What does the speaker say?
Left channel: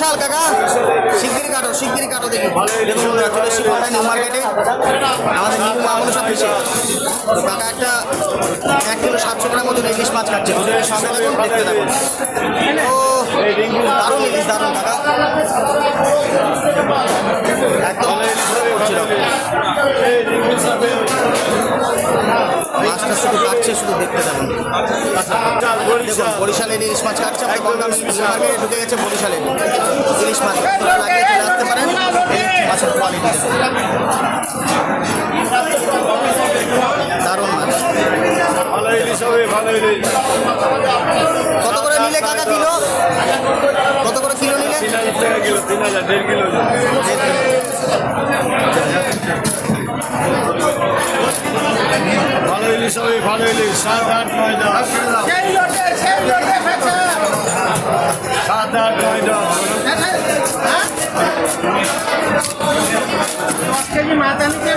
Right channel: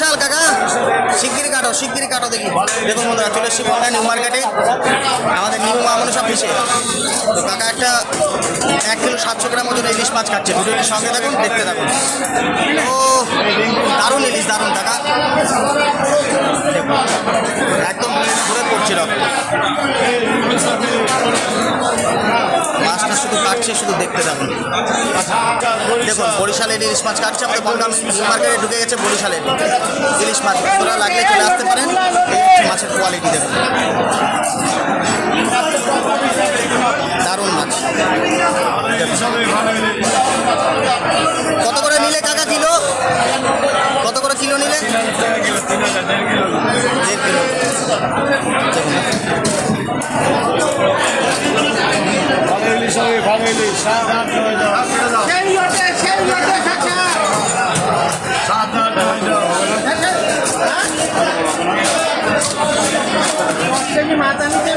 বিশাল কাকা শিগগিরি কাটো দেখি। দেখুন বন্ধুরা, চলে এসেছি বন্ধুরা নিউ মার্কেটে, আমাদের নিউ মা মনসা ফিশে। তো কাকা একটা 1 কিলো 700 গ্রাম ওজন ইলিশ মাছ কাটছে। ভিডিওটির সঙ্গে থাকুন, দেখতে থাকুন। ও দারুণ ইলিশ, দারুণ কাকা, একদম ঘুরে পড়ছে রকম। মাছটা শুধু কাটছে, শুধু দেখতে থাকুন। দেখুন বরিশালের ইলিশ মাছ কাটছে, আমাদের বনগাঁ নিউ মার্কেটে ঢুকে গেছে বরিশালের ইলিশ মাছ। তোরা লাগলে চলে আসতে পারেন। এই হচ্ছে মাছের কোয়ালিটি, দেখুন দারুণ মাছ। কত করে নিলে কাকা কিলো? কত করে কিলো নিলে? 1.5 কিলো। মাথা নিচে